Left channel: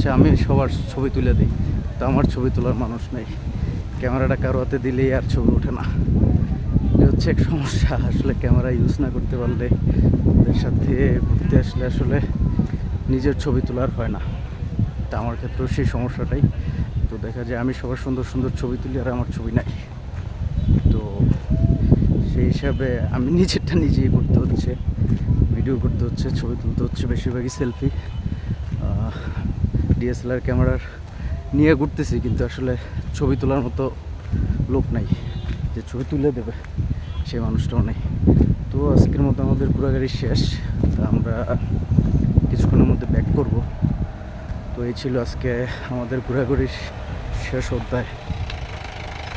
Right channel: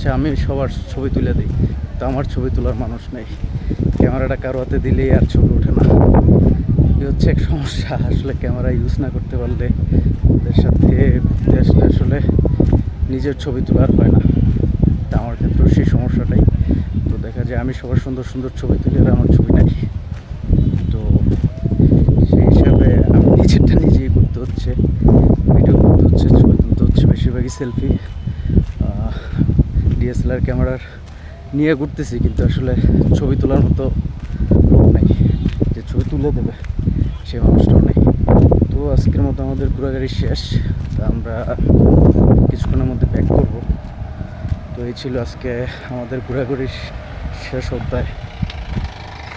হচ্ছে আমি সবার ছবি তুলে দিই, তো আমার ছবি তোলার মানুষ নেই। ক্যামেরাটা কারো হাতে দিলেই আর ছবি ওঠে না। এই হচ্ছে এক সমস্যা। আসলে ক্যামেরা ইউজ না করতে পারলে, ওদের সাথে ঘুরতে আসলে আসলে নিজের ছবি তোলার হয় না। তা আমার ক্ষেত্রেও সেই সমস্যাটাই। তো দেখা যায় আমি সবার সুন্দর সুন্দর ছবি তুলি আর আমার ছবি নাই। তো সেই হিসাবে আমি নিজেরটা নিজেই করতে হচ্ছে, ভিডিও করতে হচ্ছে, ছবি তুলতে হচ্ছে, বেশিরভাগই সেলফি। ডিএসএলআর ক্যামেরার নিয়ে ঘুরতেছি, কিন্তু আসলে ছবি তোলার মতো লোক নাই যে ছবি তুলে দেবে, সেই মানুষটাও নেই। তো আজকের মতো আমাদের ঘোরাঘুরি শেষ। তা আমরা কিছুক্ষণের মধ্যে ব্যাক করব। তো এই ছিল আজকে আমাদের ঘোরাঘুরির শেষ অধ্যায়।